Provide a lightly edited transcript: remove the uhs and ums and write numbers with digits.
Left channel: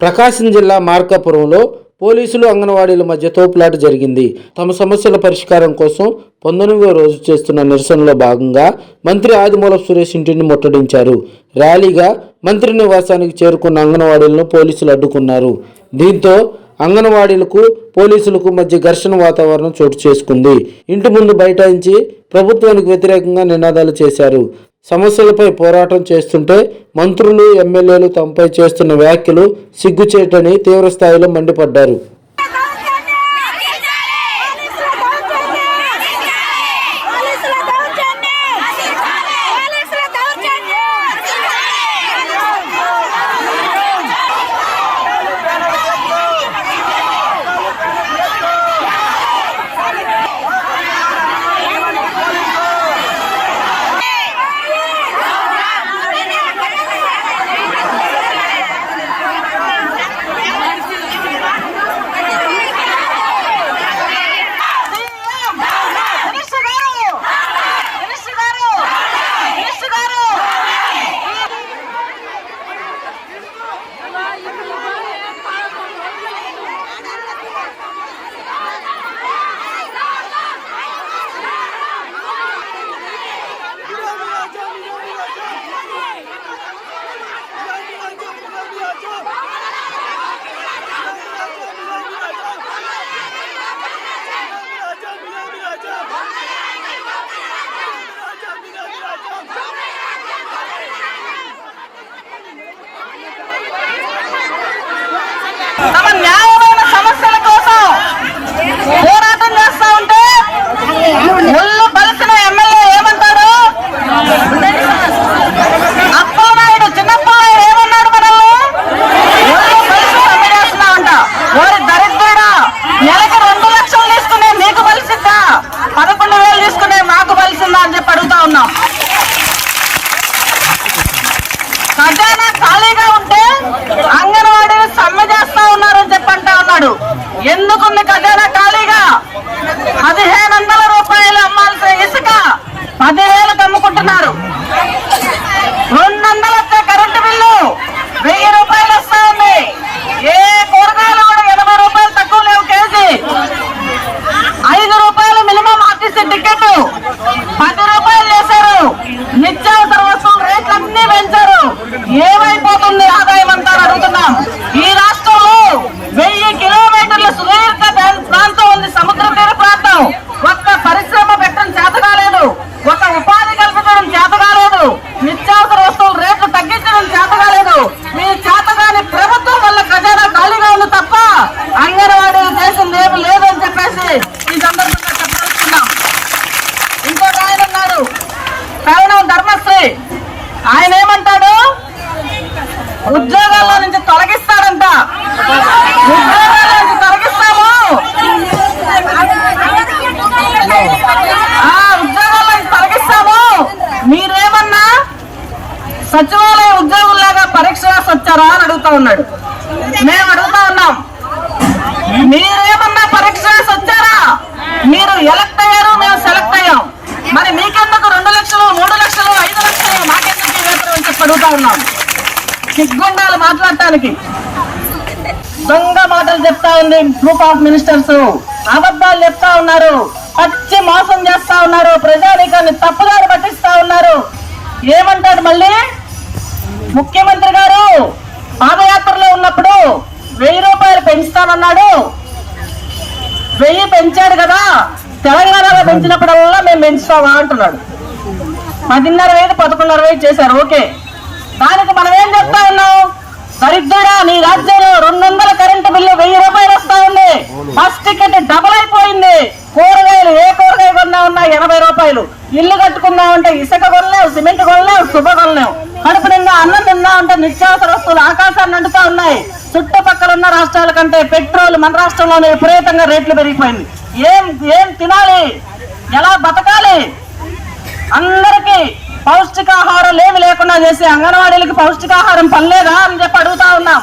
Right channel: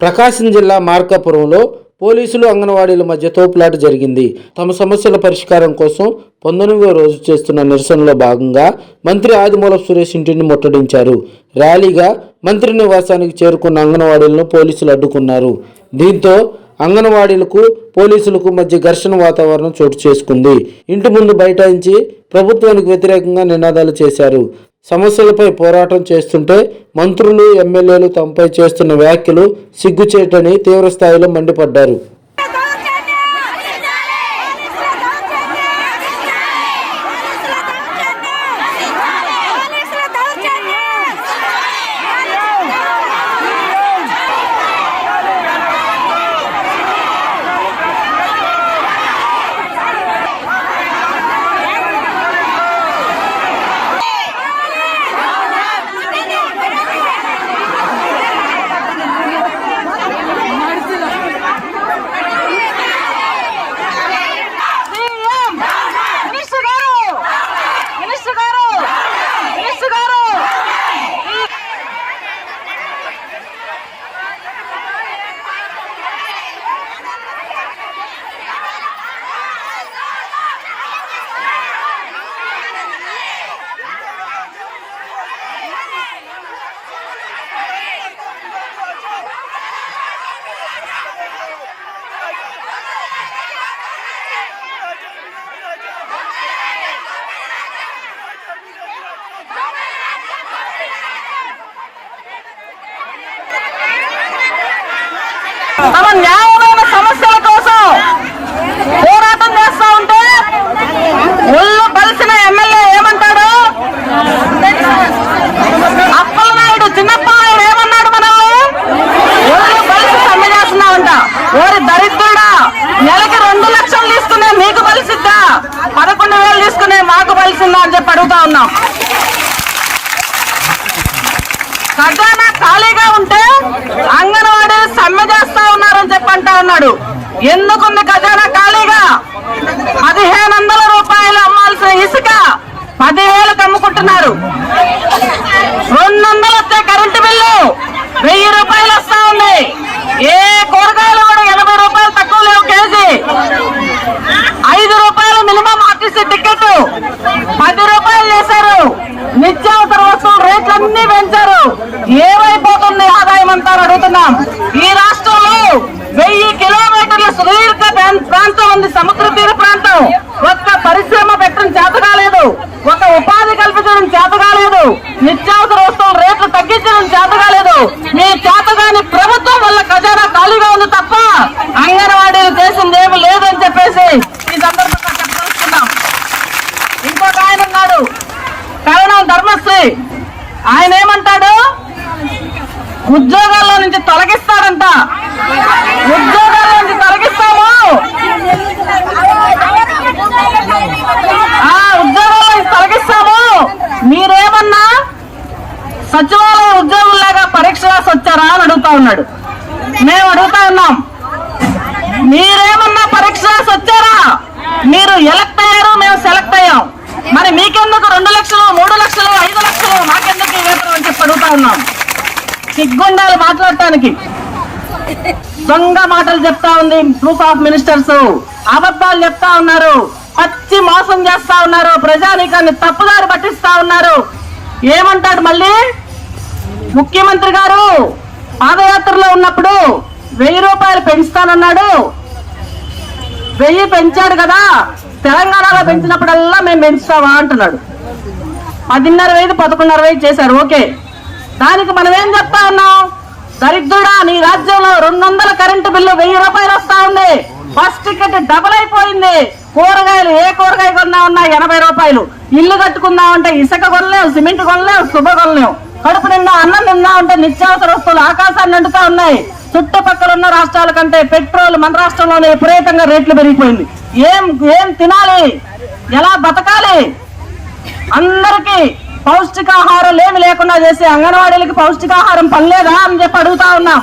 ప్రకాశం జిల్లా మార్కాపురంలో పోలీసులు అంగన్వాడీల మధ్య తోపులాట జరిగింది. తమ సమస్యల పరిష్కారం కోసం 19వ రోజు చేస్తున్న నిరసనలో భాగంగా మంత్రి ఆదిమూలపు సురేష్ ఇంటిని ముట్టడించారు. ర్యాలీగా మంత్రి నివాసానికి చేరుకున్న అంగన్వాడీలను పోలీసులు అడ్డుకున్నారు. దీంతో అంగన్వాడీలకు పోలీసులకు మధ్య ఘర్షణ వాతావరణం చోటు చేసుకుంది. ఇంటి ముందు బైఠాయించి ప్రభుత్వానికి వ్యతిరేకంగా నినాదాలు చేశారు. సమస్యలపై పోరాటం చేస్తుంటే మంత్రులు, ఎమ్మెల్యేలు తమపై చేస్తున్న వ్యాఖ్యలు సిగ్గుచేటని తీవ్రస్థాయిలో మండిపడ్డారు. తమ న్యాయమైన సమస్యల కోసం పోరాటం చేస్తా ఉంటే ఒళ్ళు కలిసిన ఎమ్మెల్యే ఏమంటాడు? అప్పలనాయుడు చిన్నప్పనాయుడు ఏమన్నాడు? మనల్ని ఒళ్ళు కలిసి సమ్మె చేస్తున్నామంట. ఓరి దరిద్రుడా, నెలకి 2 లక్షలు తీసుకునే మీకు బలిసిద్దా, 11,000 తీసుకునే మాకు బలిసిందా అని చెప్పి అడుగుతా ఉన్నాం. ఖజానా ఖాళీగా ఉంటే అంగన్వాడీ సమ్మె చేస్తా ఉన్నారని చెప్పంటా ఉన్నాడు. ఎందుకుంది ఖజానా ఖాళీగా? 1,500 రూపాయలు అమ్మాల్సిన ఇసుక 10,000 అమ్ముకుంటున్నారు. 200 వస్తే కరెంటు బిల్లు 1000 రూపాయలు వస్తా ఉంది. ఏ కూరగాయలు కూడా 80 రూపాయలు తక్కువ లేవు కేజీ. 5 రూపాయలు మినిమం ఆర్టీసీ టికెట్ 10 రూపాయలు వేశారు. నిత్యావసర వస్తువుల రేట్లన్నీ పెంచారు. ఏమైపోతుంది ఆదాయం అంతా అడుగుతున్నాం. ఈ రాష్ట్రంలో 1000 కిలోమీటర్ల సుదీర్ఘ ప్రాంతం ఉంది, సముద్ర తీర ప్రాంతం. ఒక్క పరిశ్రమ పెట్టడం చేత కాలేదు, ఒక ఉపాధి కల్పించడం చేత కాలేదు, నిత్యావసర వస్తువుల రేట్లు తగ్గించడం చేత కాలేదు. మీ చేతగాని ప్రభుత్వం వల్ల ఖజానా ఖాళీగా ఉంది తప్ప అంగన్వాడీలు చేసింది ఏమి లేదని చెప్పేసి ఈ సందర్భంగా చెప్పదలుచుకున్నాం. ఇంకొక ఆయన ఉన్నాడు, కరణం ధర్మశ్రీ. ఆయన ఏమంటాడు? ఉద్యోగాల్లో నుంచి తొలగిస్తాడంట. ఉద్యోగాల నుంచి తొలగిస్తాము, ఉద్యోగాల నుంచి తొలగిస్తాము. మీరేమన్నా సచివాలయ ఉద్యోగుల్లాగా పరీక్ష రాసి వచ్చారా అని అడుగుతా ఉన్నాడు. మేము అడుగుతా ఉన్నాం, మీరేమన్నా పరీక్ష రాసి వచ్చారా? మీరు ఎలక్ట్ అయ్యారు, మేము సెలెక్ట్ అయ్యాం. మరి మీకెందుకు 2 లక్షలు, 3 లక్షలు, 5 లక్షలు మాకెందుకు అని చెప్పి అడుగుతా ఉన్నాం. సిగ్గుండాలి మాట్లాడటానికి. దొంగ మాటలు చెప్తా ఉంది గ్రూప్ ఆఫ్ మినిస్టర్స్. అబద్ధాలు చెప్తా ఉన్నారు, పచ్చి మోసం చేస్తా ఉన్నారు, ప్రజానీకాన్ని తప్పుదారి పట్టిస్తా ఉన్నారు. ఏమంటాడు మళ్ళీ ముఖ్యమంత్రి గారు? పాదయాత్రలో ఉన్నప్పుడు 1000 రూపాయలు పెంచుతానన్నాడు. 1000 పెంచాడు కదా, తెలంగాణలో పెంచినప్పుడల్లా మేము పెంచుతామా అంటున్నాడు. 10,500 11,500 చేశారు. ఓకే, దానికి మనం ఏం చెప్తా ఉన్నాం? దరిద్రుడా, నీ రాజ్యంలో 200 కరెంటు బిల్లు 1000 రూపాయలు వస్తా ఉంది. బస్ టికెట్ డబుల్ అయిపోయింది. కూరగాయలు ఏ కూరగాయ కొన్నా ఉన్నా 80 రూపాయలు. ఇల్లు కట్టుకుందాం అంటే ఇసుక కొనలేవు, సిమెంట్ కొనలేవు, శుభ కొనలేవు. కడుపు నిండా అన్నం తిందా ఉంటే నిత్యావసర వస్తువులు ఆకాశాన్ని అంటుతా ఉన్నాయి. చుట్టుపక్కల ఉన్న రాష్ట్రాల కంటే పెట్రోల్ మన రాష్ట్రంలోనే విపరీతంగా రేట్లు పెరిగిపోయింది. ఏం తినాలి, ఎలా బతకాలి? అందరికీ పౌష్టికాహారం లేకుండా చేసి అంగన్వాడీలకి పౌష్టికాహారం పనిలేదా అని చెప్పి అడుగుతా ఉన్నాం.